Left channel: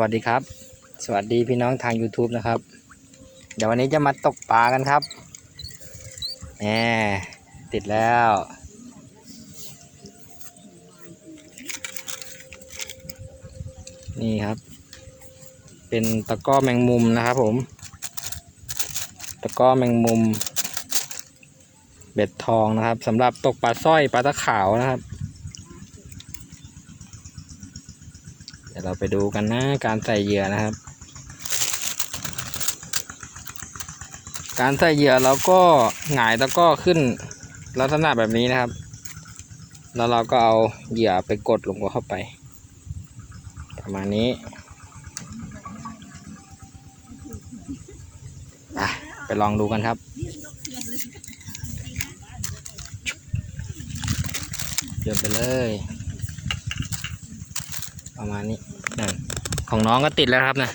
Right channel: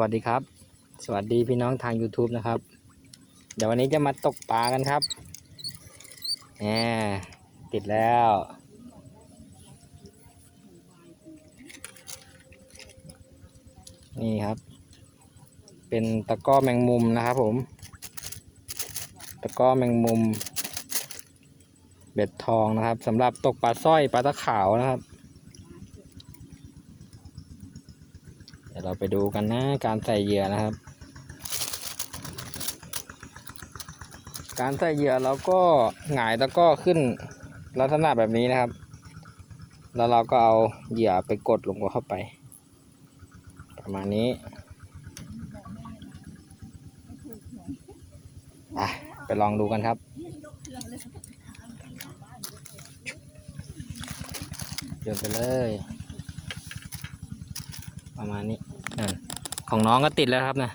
วัสดีครับ สวัสดีพี่น้องทาง YouTube นะครับ เดี๋ยววันนี้จะมาตกปลากันครับแหมติดแล้ว นี่ครับ เป็นตะก้อแมงมุมนะครับผม ตะก้อแมงมุม เบ็ดทองนะครับสำหรับตกปลาสร้อยปลาตะขาวนะครับ เดี๋ยวเรา ไปดูกันนะการใส่เหยื่อนะครับ การใส่เหยื่อเราก็หงายตะกร้อขึ้นลักษณะแบบนี้นะครับ แล้วเราก็เอาเหยื่อไปกดลงเข้าไป ประมาณนี้ไปลองดูกันครับเดี๋ยวไปเลย ประมาณนี้ ของน้องก็ติดแล้วครับนะ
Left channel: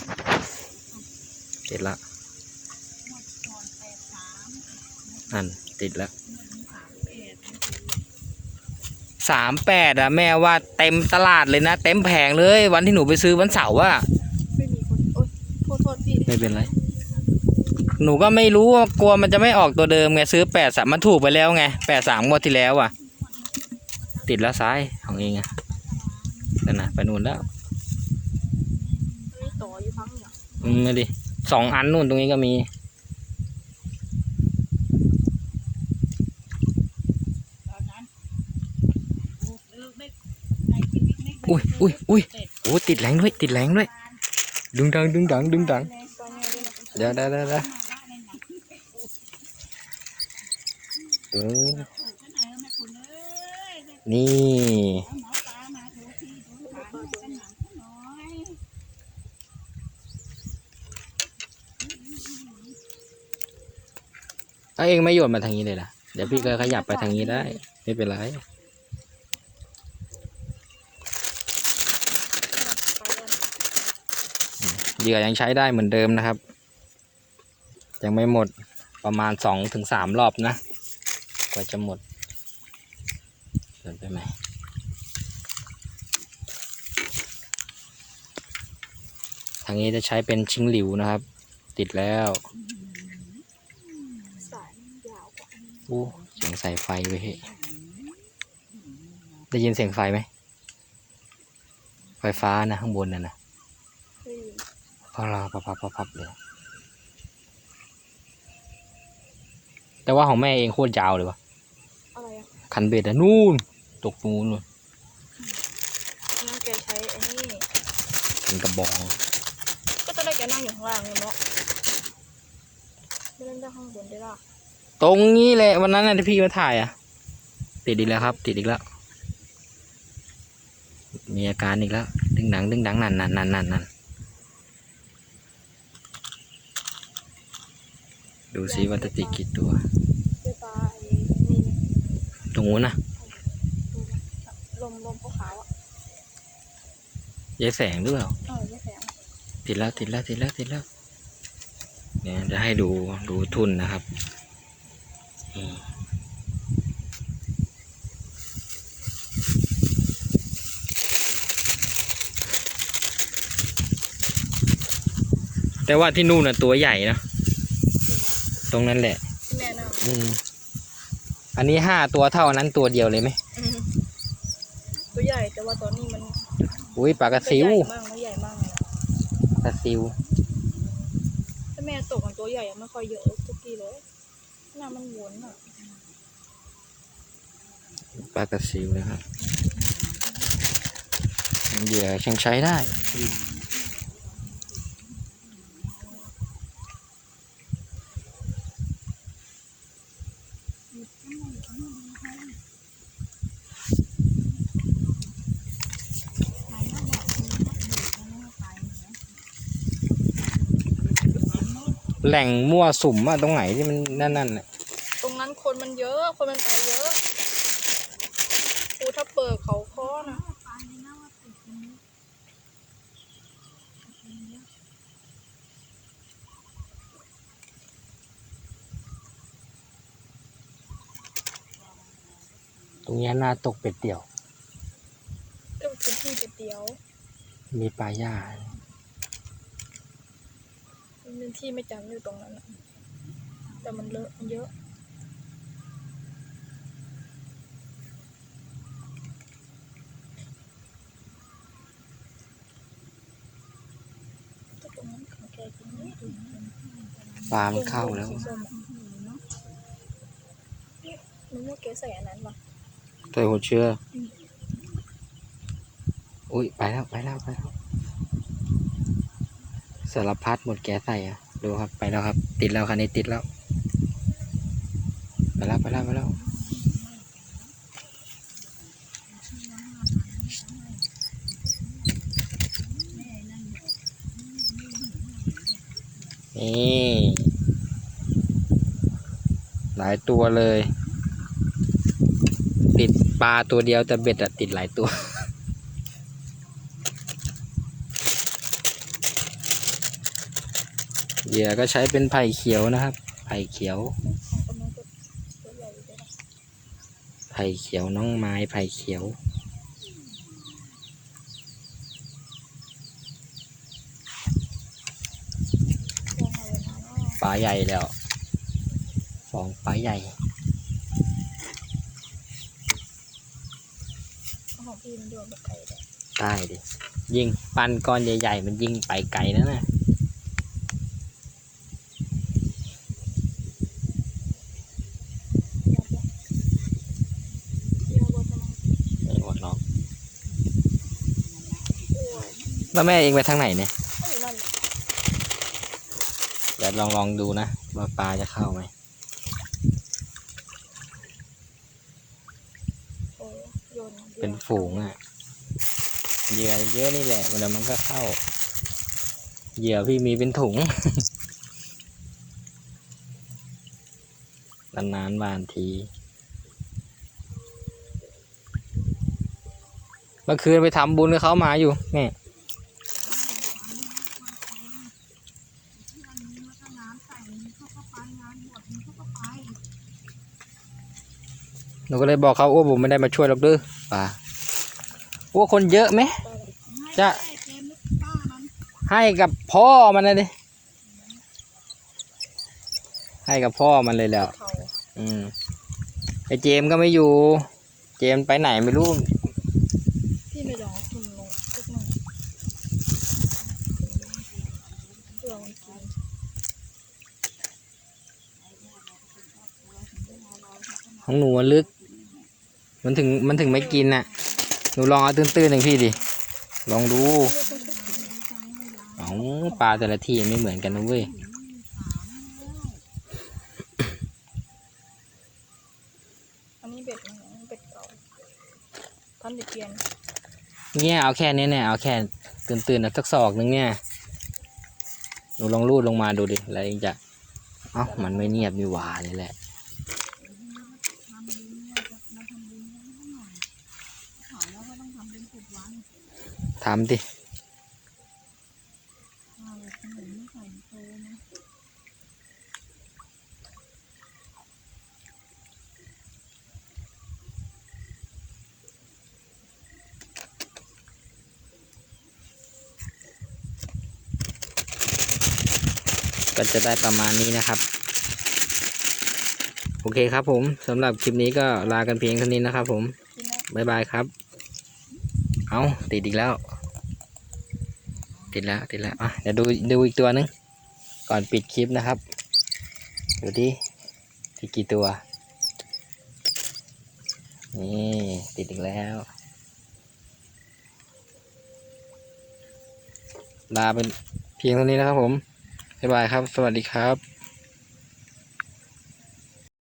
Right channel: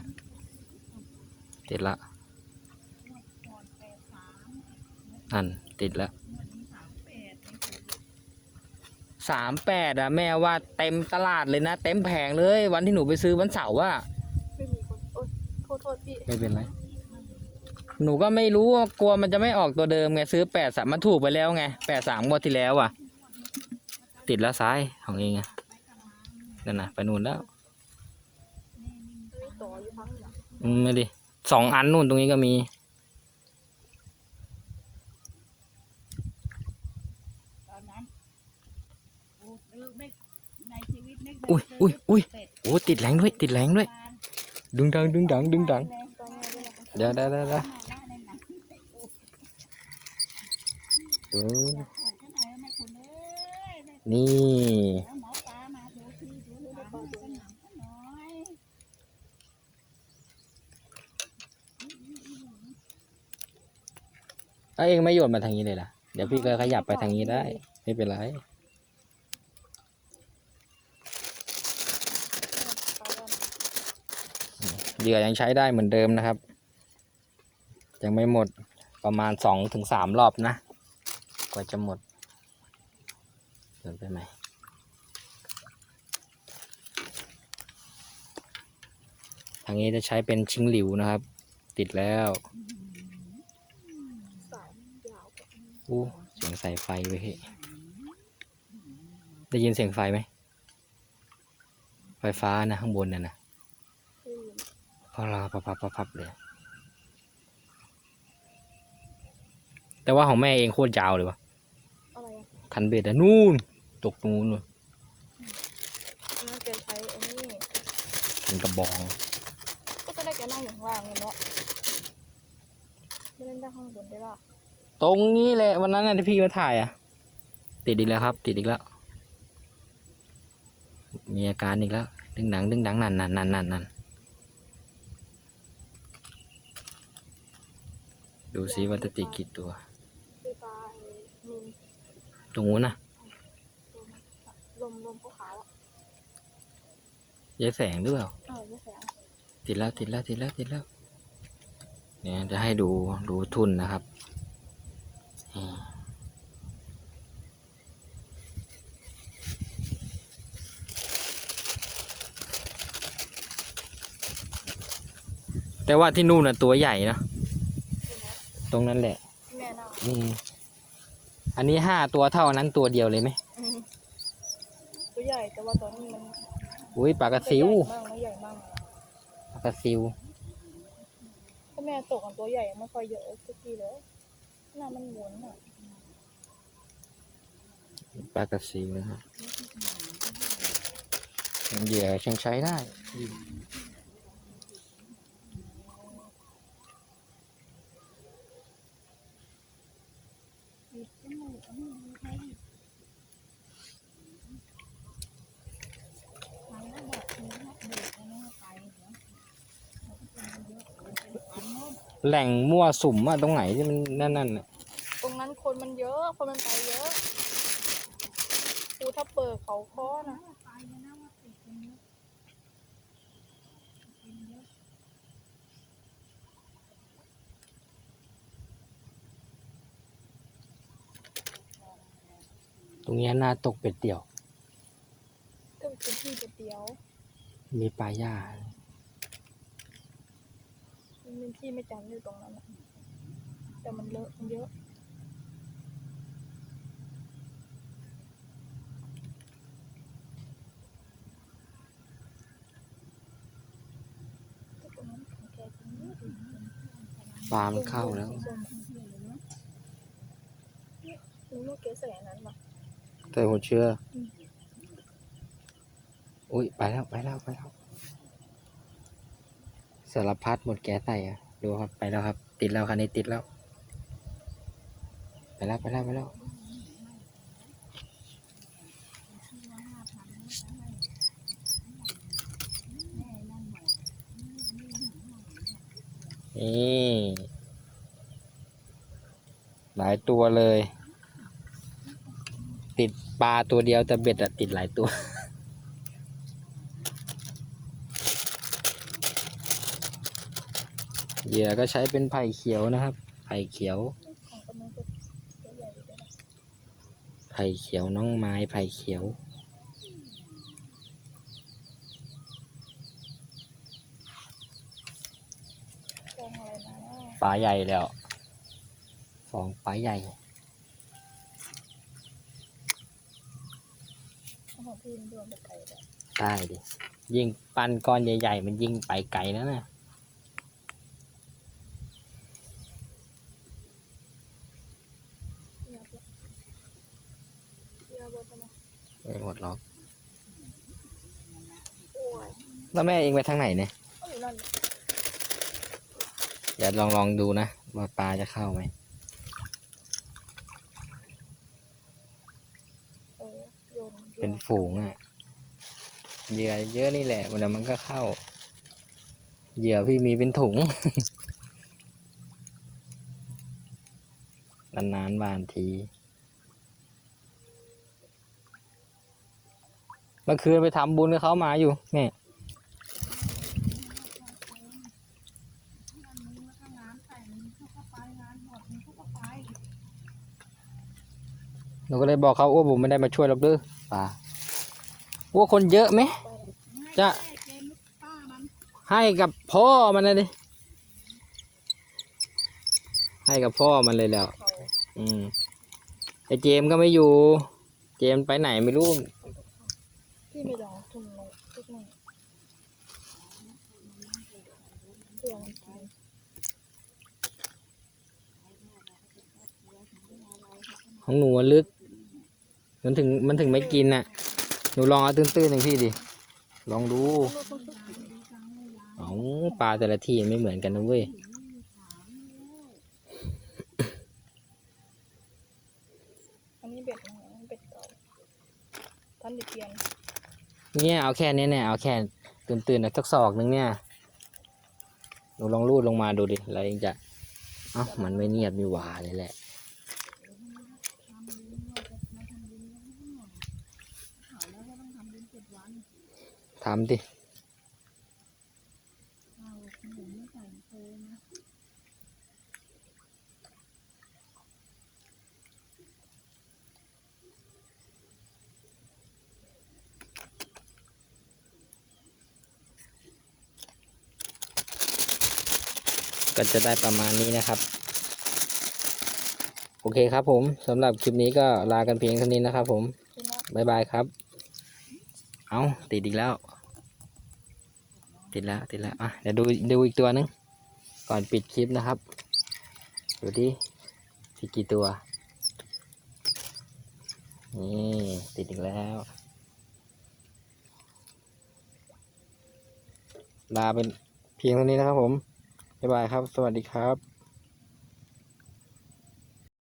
ติดละนั่นติดแล้วสามแปดอะแม่ว่าเต็มตลาดเลยนะ เต็มแผงเลย วันที่หนูไปซื้อวันเสาร์อะไม่มีคนโอ๊ยโทษโทษพี่ไม่เป็นไร หนูก็ไม่รู้ว่ากลัวมันจะไม่ออกตัวเดิมไงซื้อแปดสามมันถูกไปแล้วไงแปดสามงวดที่แล้วอะติดแล้วซ้ายของเองอะนั่นนะไปนู่นแล้วมี ต่ออยู่พังเนี่ยอืมมาดิสองอันนู่นตรงนี้ก็มีอุ้ยอุ้ยอุ้ยโอ้ติดแรงด้วยติดแรงด้วยดึงดังดึงดังดึงดังเดี๋ยวเดี๋ยวเดี๋ยวเดี๋ยวเออนี่ ถ้าเองไม่โยนมาทางนี้เลยล่ะ เดี๋ยวพี่ก็ขยับไปทางนี้ได้ ไม่เป็นไร เหยื่อยังใช้ได้เหมือนเดิมนะครับ ยังไม่หมดประมาณสองถึงสามรอบนะ กว่าจะหมดเดินไปไหมทางนี้จะใช้เป็นชิงหลิวนะครับ ติดแล้ว สายมันยาวกว่า โอ้เสียงใส่ไฟไว้ยเฮ้ยได้ยินเสียงไฟไหม ไฟฟ้านะข้างบนน่ะนะไม่มีพอรอพับพับพับพับเลย แต่ว่าของแม่เองโคตรยาวเลยวะอะไรอะคันเบ็ดอะนู่น ตกตรงนู้นนู่นน่าแกใช้ไอ้นี่เป็นกระบองก็จะได้แกนั่งอยู่ข้างล่างเลยเนาะไม่เล่นได้ข้างบนได้ล่ะ ตรงนี้เลยวันนั้นน่ะที่พี่มาถ่ายอะติดอีกแล้วครับ ติดอีกแล้ว มีอาการอีกแล้ว ดึงหนังดึงหนังนั่นนั่นนั่นนั่นนั่นดูซิว่าจะติดกี่ตัวเสื้อปลาไอ้นี่ตรงนู้นนะลมลมขาวๆอะยายแสงหรือเปล่าเออไม่แสงติดแล้วติดแล้วติดแล้วติดแล้วเนี่ยจะให้ดูดูทุนนะครับนี่ แต่ว่าที่นู่นน่ะตัวใหญ่นะตรงนั้นแหละที่แม่นั่งอืม อันนี้ห้าตัวเท่านั้นตัวเดียวเลยไหมอืมตัวใหญ่แต่ว่าตอนนี้มันอุ้ยปลากระซิวตัวใหญ่มากมันใหญ่มากเลยอะปลากระซิว ถ้าแม่ตกกันตัวใหญ่อะไม่ค่อยเยอะทุกทีเลยห น้ามันวนอะปลากระซิวนะครับเหยื่อยังใช้ได้แหล่งมั่วสุมอะตรงไหนที่มันนั่นนั่นน่ะตรงนั้น คนมันเยอะ คนมันไปเยอะภูถ้าเปิดเขาค้อนะตรงเนี้ยน่าตกเป็ดเดี่ยว ก็เป็นที่เดียว มีปลาหญ้ามันที่ไม่จำอยู่ตรงนั้นอะแต่มันเลอะมันเยอะ ตรงนั้นของแกกินไม่ถึง ปลามันเข้าแล้วสีส้มอะมันไม่แกใส่อันนั้นหรอตัวหัวเชื้อออุ้ยไปแล้วไปแล้วไปแล้วสารพัดหมดแกใส่อะ ดูครับไปแล้วครับ ติดแล้วคันนี้ติดแล้ว ไปแล้วไปแล้วไปแล้ว นี่หลายตัวเลย ติดปลาตัวเดียวแต่เบ็ดอะติดหลายตัวเหยื่อก็ใช้เป็นไผ่เขียวนะครับ ไผ่เขียว ไผ่เขียวน้องไม้ไผ่เขียว ฟองอะไรมาเนาะปลาใหญ่แล้วสองปลาใหญ่ของพี่มันโดนแบบไก่เลยใช่ดิยิงปันก้อนใหญ่ ๆ มันยิงไปไกลนะน่ะเยอะกว่าไม่หมดหรอกแล้วแม่เองไปทางไหนเนี่ยอยู่นั่นเดี๋ยว ลองลองดูนะ ว่าปลาจะเข้าไหมเป็นฝูงอะ่ะเหยื่อเยอะนี่แหละเดี๋ยวมันก็เข้า เหยื่อพี่มีเป็นถุงนานๆบานที เมื่อคืนไปทำบุญกับเขามาอยู่แม่ย หนูก็เลยบอกเขาโอ้ผมไม่ได้มาช่วยหรอกเด้อป่าว่าคนเยอะไหม จะ ให้กับพ่อมันนะดิให้กับพ่อมันเลยแล้ว อืมไอเจมก็ไม่อยู่ เจมไปไหนไม่รู้พี่ไม่ยอมกินเลยทุกหน่อยเพื่อมันกินของหนูลึก มันถึงมันถึงไม่กินน่ะ หนูลองเอาตื้นๆหนึ่งพี่ดิ ลองดู เอาปลาแต่ละที่ไม่เหมือนกันนะเว้ย อันนี้เบ็ดมันนะเบ็ดเก่าพันเด็ดเปลี่ยนเนี่ยเอาแค่นี้เนี่ยเอาแค่ตื่นๆนะสักศอกนึงเนี่ยหนูลองรูดลงมาดูดิ แล้วเองจะ เอ้ามันไม่เนียบมีหวาเลยแหละ ทำดิก็จะได้ประมาณนี้นะครับ โอเคครับผมสำหรับคลิปนี้ก็ลากันเพียงเท่านี้นะครับผมกินแล้วบายบายครับ เอาติดอีกแล้ว ติดแล้วติดแล้วอะเดี๋ยวดูดูอีกตัวนึง ก่อนปิดคลิปนะครับ ดูดิติดกี่ตัว นี่ติดอีกแล้วลาเป็นเพียงเท่านี้นะครับผม บ๊ายบายครับ สวัสดีครับ